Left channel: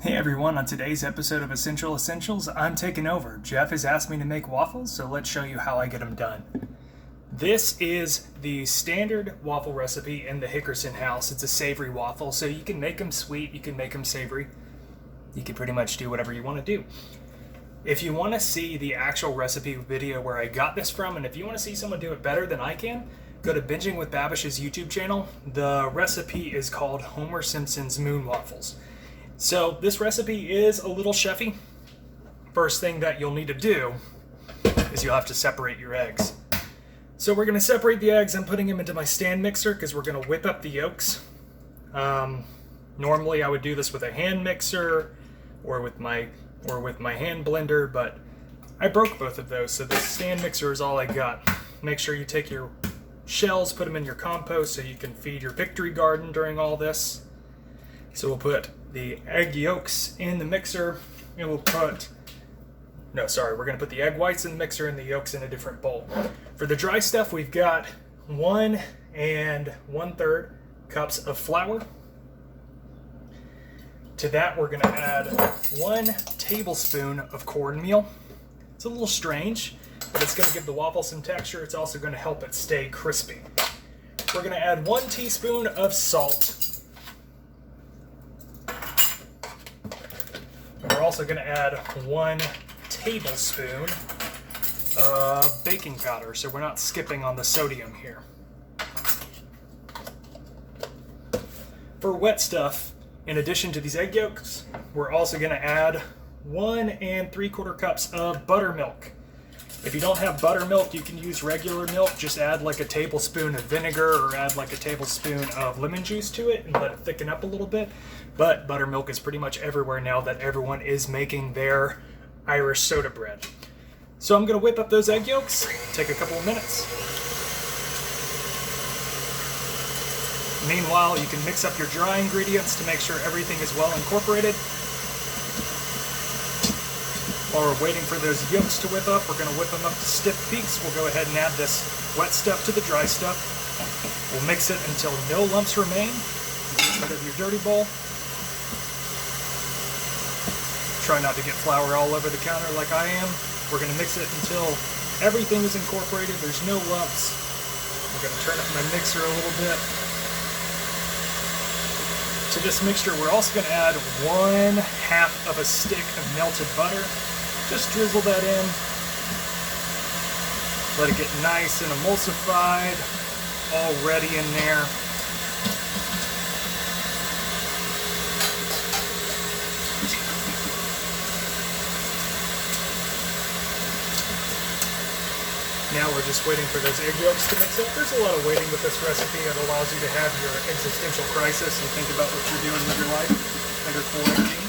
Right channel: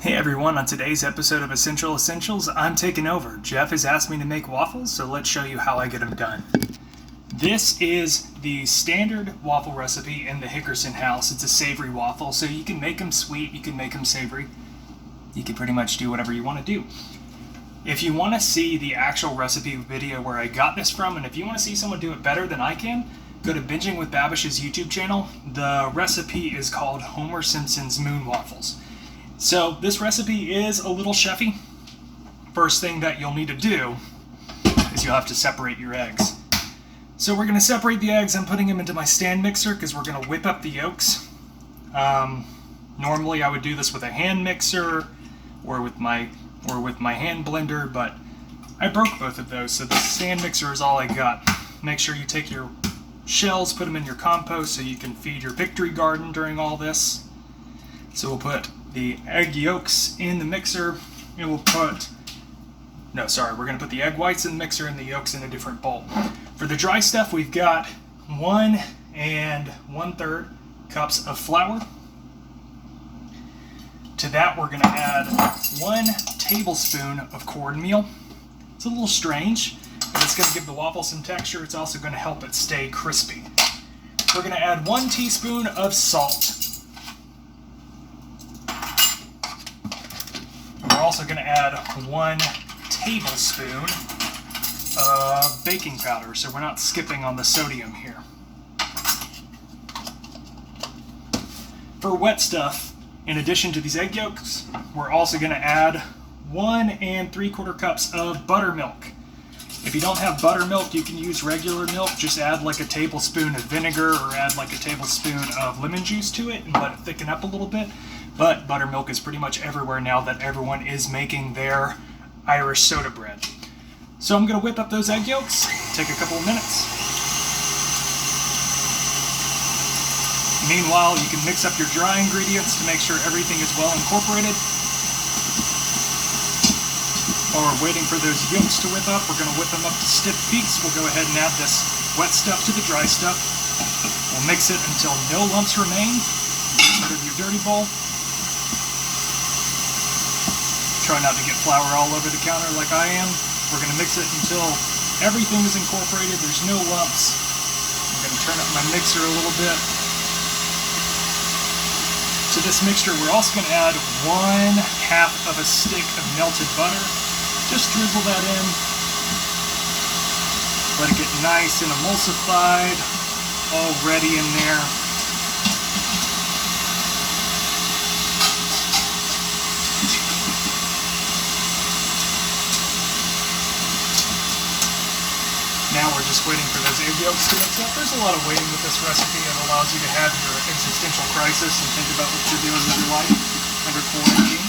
Hey everyone, on today's episode of Essential Essentials, I'm taking over. Jeff has asked me to make waffles, so let's show you how I get them done. This is the standard waffle recipe in the Hickerson house. It's a savory waffle, so you can make them sweet, you can make them savory. You can pretty much do whatever you want to do. If you want to see the actual recipe video where I got this from, and if you want to see someone do it better than I can, go to Binging with Babish's YouTube channel. The recipe is called Homer Simpson's Moon Waffles. So this recipe is a little chefy. First thing that you'll need to do is you'll have to separate your eggs. So we're going to separate the eggs. I'm putting them into my stand mixer because we're going to whip up the yolks. Normally I would do this with a hand mixer or with my hand blender, but I broke both of those, so the stand mixer is all I got. Make sure you take your shells, put them in your compost so you can feed your victory garden during all this. So we'll put the egg yolks in the mixer, and we're going to put the egg whites in the mixer and the yolks in a different bowl. For the dry stuff, we've got 1 1/3 cups of flour. To that, we're going to add 1 tablespoon of cornmeal. It's a little strange, but it's going to give the waffle some texture. It's also going to help it stay crispy. We're going to add 1 teaspoon of salt. We're also going to add 1 tablespoon of baking powder, so we're not skipping on the sodium here. For wet stuff, in addition to these egg yolks, we're also going to add 1 3/4 cups of buttermilk. If you don't have buttermilk, you can use regular milk. Just add like a tablespoon of vinegar or add like a tablespoon of lemon juice to it and let it thicken up a little bit. But buttermilk is pretty much everywhere now that everyone is making their Irish soda bread. So I'm going to whip up those egg yolks, take a couple of minutes. Meanwhile, you can mix up your dry ingredients to make sure everything is well incorporated. While we're waiting for those yolks to whip up, we're going to whip them up to stiff peaks. We'll go ahead and add this wet stuff to the dry stuff. We'll mix it until no lumps remain. Get rid of your dirty bowl. Try not to get flour all over the counter like I am. We're going to mix it until everything is incorporated. There's no lumps. I'm going to turn up my mixer a little bit. To this mixture, we're also going to add 1/2 of a stick of melted butter. Just drizzle that in. Let it get nice and emulsified, all ready in there. Now we're just waiting for those egg yolks to mix up. There's a lot of waiting with this recipe. It allows you to have your existential crisis and think about what you're doing with your life under quarantine.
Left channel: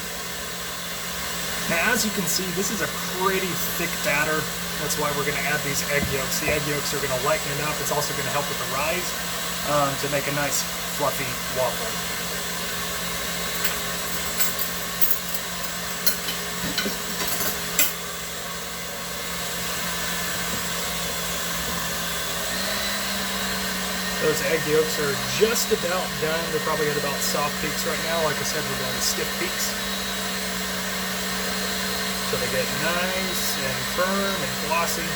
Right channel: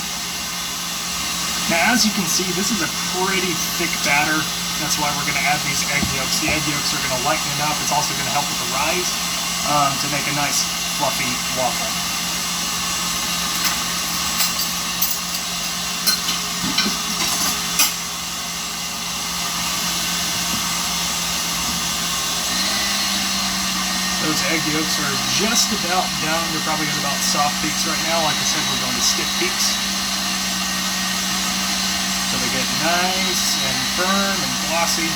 Now, as you can see, this is a pretty thick batter. That's why we're going to add these egg yolks. The egg yolks are going to lighten it up. It's also going to help with the rise to make a nice fluffy waffle. Those egg yolks are just about down. We're probably at about soft peaks right now. Like I said, we're going to stiff peaks. So they get nice and firm and glossy.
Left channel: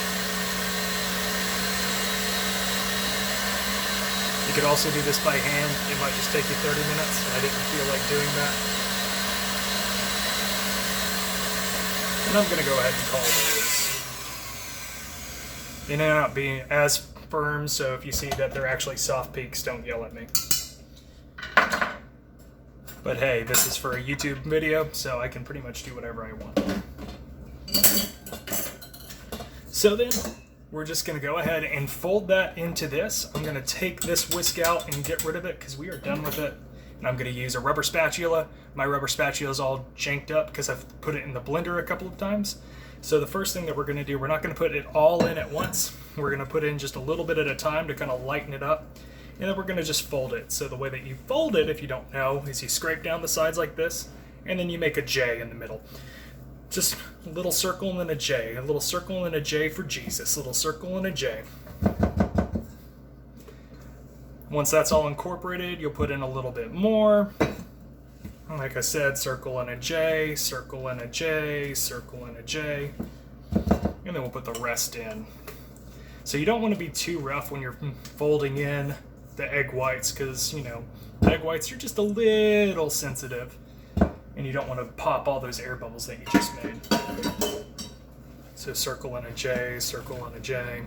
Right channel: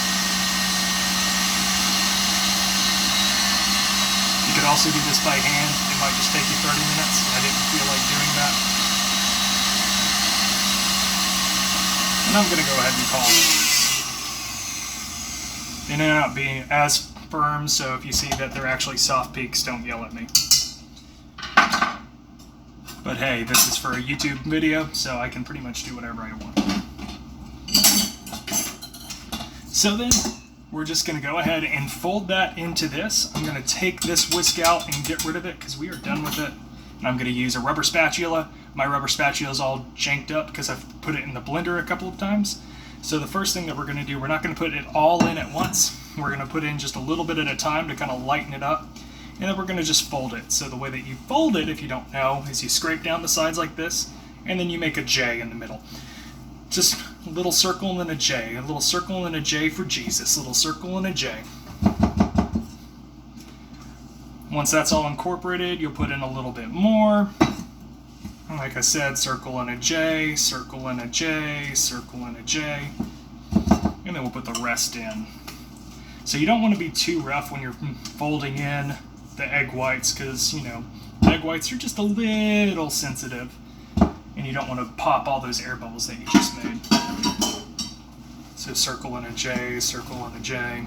You could also do this by hand. It might just take you 30 minutes. I didn't feel like doing that. And I'm going to go ahead and call these. They may not be as firm, so if you see that they're actually soft peaks, don't yell at me. But hey, this is for a YouTube video, so I can pretty much do whatever I want. So then, we're just going to go ahead and fold that into this. I'm going to take this whisk out and get rid of it because we are done with it. And I'm going to use a rubber spatula. My rubber spatula is all janked up because I've put it in the blender a couple of times. So the first thing that we're going to do, we're not going to put it all in at once. We're going to put in just a little bit at a time to kind of lighten it up. And then we're going to just fold it. So the way that you fold it, if you don't know, is you scrape down the sides like this, and then you make a J in the middle. Just a little circle and then a J. A little circle and a J for Jesus. A little circle and a J. Once that's all incorporated, you'll put in a little bit more. And like I said, circle and a J, circle and a J, circle and a J, and then we'll put the rest in. So you don't want to be too rough when you're folding in the egg whites, because, you know, egg whites are just a little sensitive, and you don't want to pop all those air bubbles that you just made. So circle and a J, circle and a J.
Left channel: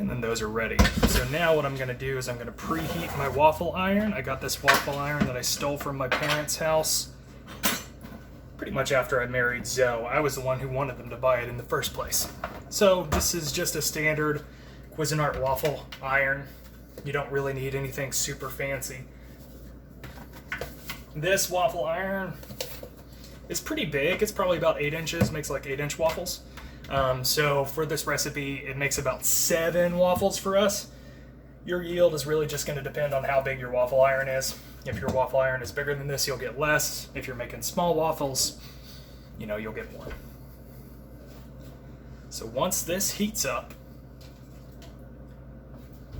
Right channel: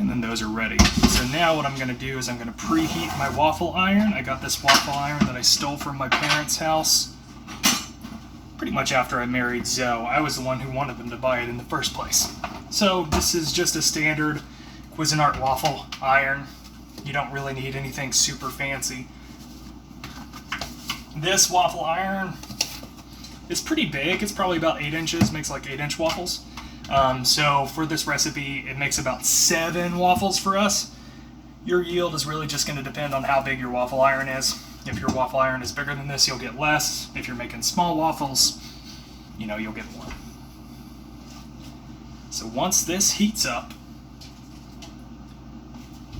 And then those are ready. So now what I'm going to do is I'm going to preheat my waffle iron. I got this waffle iron that I stole from my parents' house pretty much after I married Zoe. I was the one who wanted them to buy it in the first place. So this is just a standard Cuisinart waffle iron. You don't really need anything super fancy. This waffle iron is pretty big. It's probably about 8 inches, makes like 8-inch waffles. So for this recipe, it makes about 7 waffles for us. Your yield is really just going to depend on how big your waffle iron is. If your waffle iron is bigger than this, you'll get less. If you're making small waffles, you know, you'll get more. So once this heats up,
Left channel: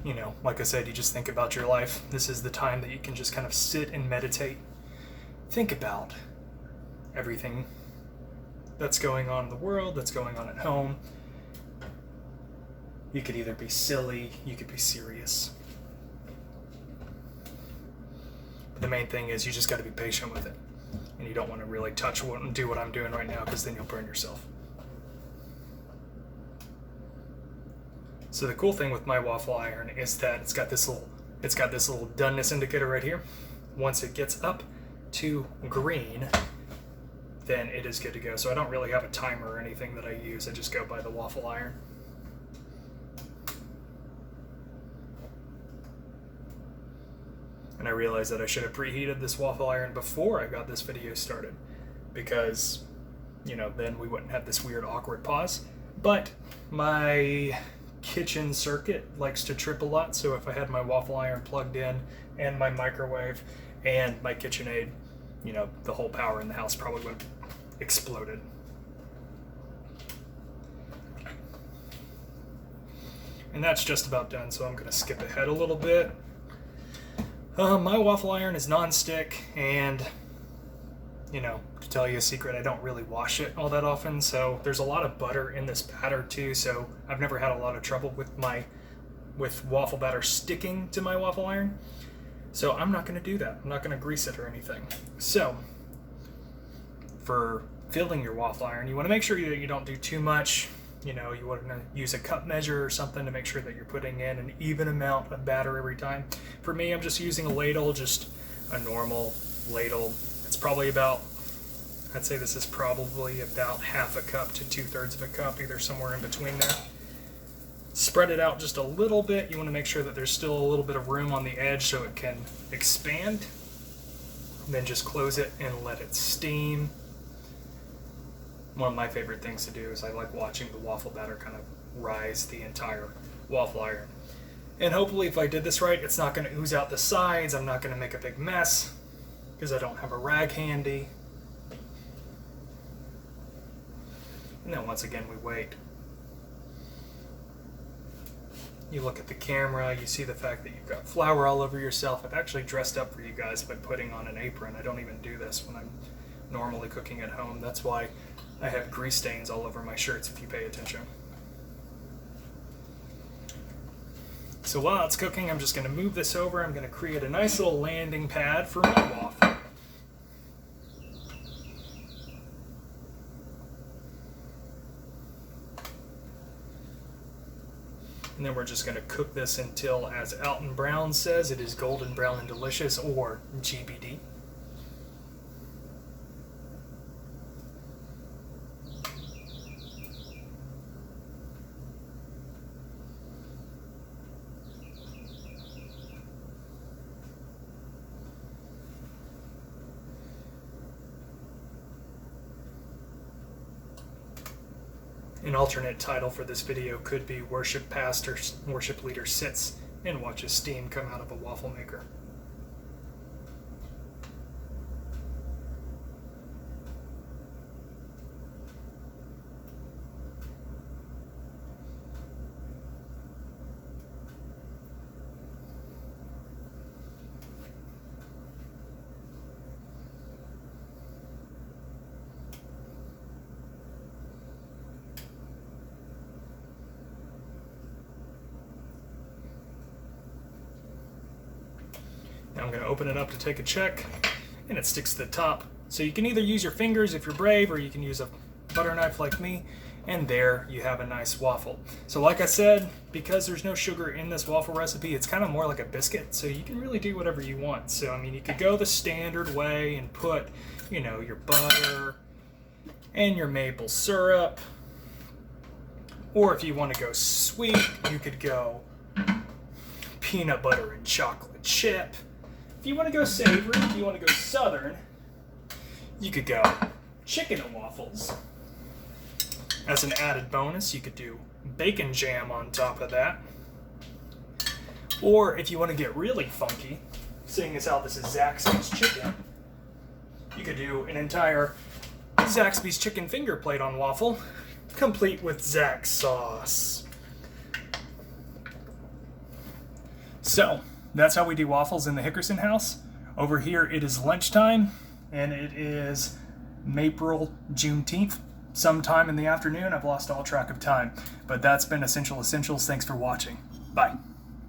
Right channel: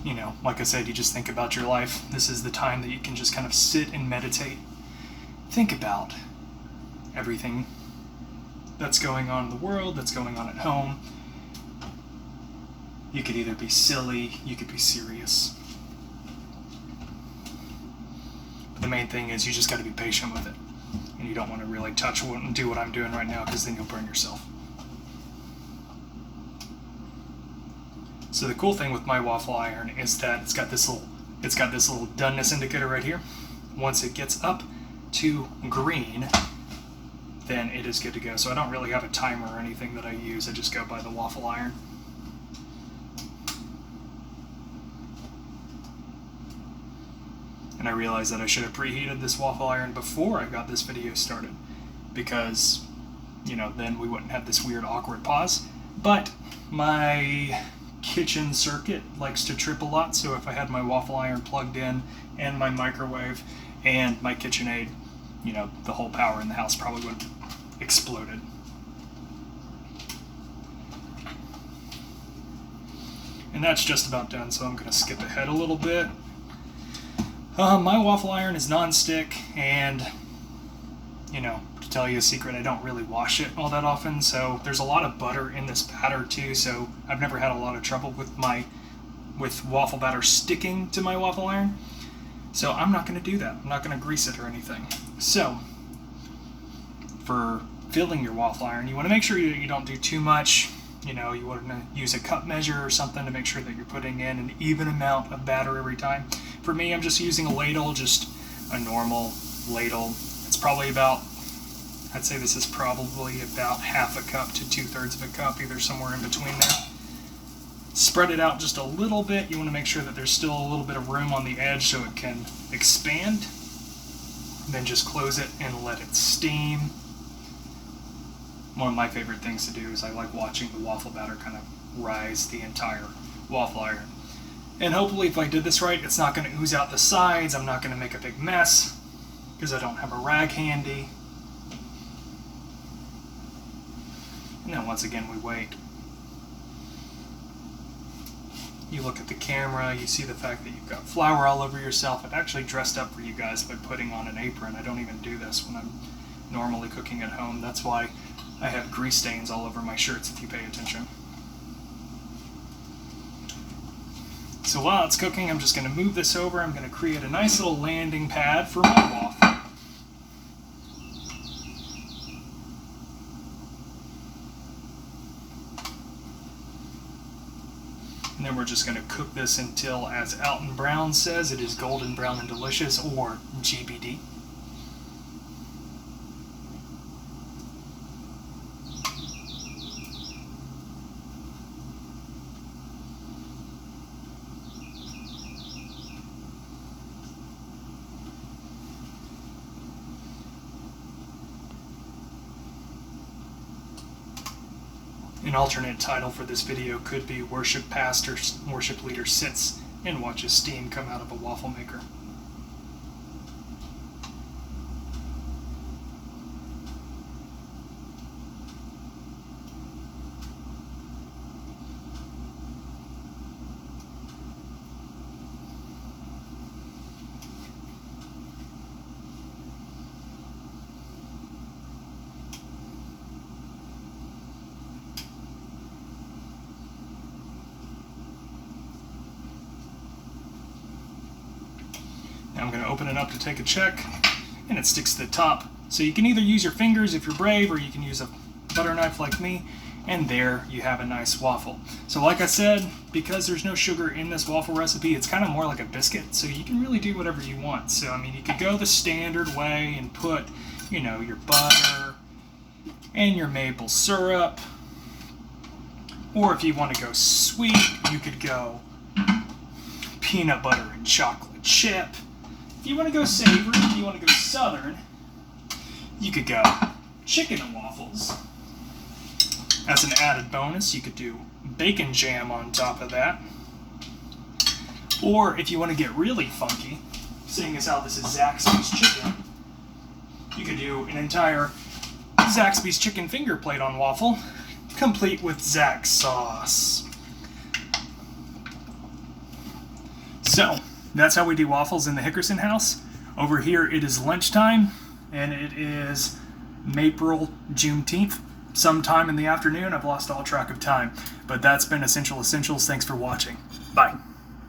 you know, like I said, you just think about your life. This is the time that you can just kind of sit and meditate. Think about everything that's going on in the world, that's going on at home. You could either be silly, you could be serious. But the main thing is you just got to be patient with it. And you don't want to really touch and do what I'm doing right now, because then you'll burn yourself. So the cool thing with my waffle iron is that it's got this little doneness indicator right here. Once it gets up to green, then it is good to go. So I don't really have a timer or anything that I use. I just go by the waffle iron. And I realized that I should have preheated this waffle iron before I got this video started, because, you know, then we wouldn't have this weird awkward pause. But my kitchen circuit likes to trip a lot, so if I had my waffle iron plugged in and my microwave and my KitchenAid, you know, the whole power in the house probably would have exploded. And that's just about done, so I'm going to skip ahead a little bit. My waffle iron is non-stick, and, you know, to tell you a secret, I don't really wash it all that often, so there's a lot of butter in this batter too, so I've never had a lot of trouble with waffle batter sticking to my waffle iron. So I'm not going to do that. I'm not going to grease it or anything. So for filling your waffle iron, you want to make sure that you don't do too much. You know, you want to use a cup measure or something to make sure that you're putting in an even amount of batter every time. For me, I'm just using a ladle, just a normal ladle. It's probably about, I'd say this is probably about half a cup to 2/3 of a cup, either somewhere in between there. Spread it out just a little bit. You want to make sure that there's still a little bit of room on the edge so it can expand. And then just close it and let it steam. One of my favorite things to do is I like watching the waffle batter kind of rise the entire waffle iron. And hopefully if I did this right, it's not going to ooze out the sides. I'm not going to make a big mess because I don't have a rag handy. And then once again we wait. You look at the camera, you see the fact that you've got flour all over yourself. I've actually dressed up for you guys by putting on an apron. I don't even do this when I'm normally cooking at home. That's why I have grease stains all over my shirts if you pay attention. So while it's cooking, I'm just going to move this over. I'm going to create a nice little landing pad for my waffle. And then we're just going to cook this until, as Alton Brown says, it is golden brown and delicious, or GBD. An alternate title for this video could be Worship Leader Sits and Watches Steam Come Out of a Waffle Maker. Now I'm going to open it up to take a check, and it sticks to the top. So you can either use your fingers if you're brave, or you can use a butter knife like me, and there you have a nice waffle. So like I said, because there's no sugar in this waffle recipe, it's kind of more like a biscuit, so you can really do whatever you want. So I mean, you could go the standard way and put, you know, your butter and your maple syrup, or if you want to go sweet, you could go peanut butter and chocolate chip. If you want to go savory, if you want to go southern, you could go chicken and waffles. As an added bonus, you could do bacon jam on top of that. Or if you want to get really funky, seeing as how this is Zaxby's chicken, you could do an entire Zaxby's chicken finger plate on waffle, complete with Zax sauce. So, that's how we do waffles in the Hickerson house. Over here it is lunchtime, and it is April Juneteenth. Sometime in the afternoon. I've lost all track of time. But that's been Essential Essentials. Thanks for watching. Bye.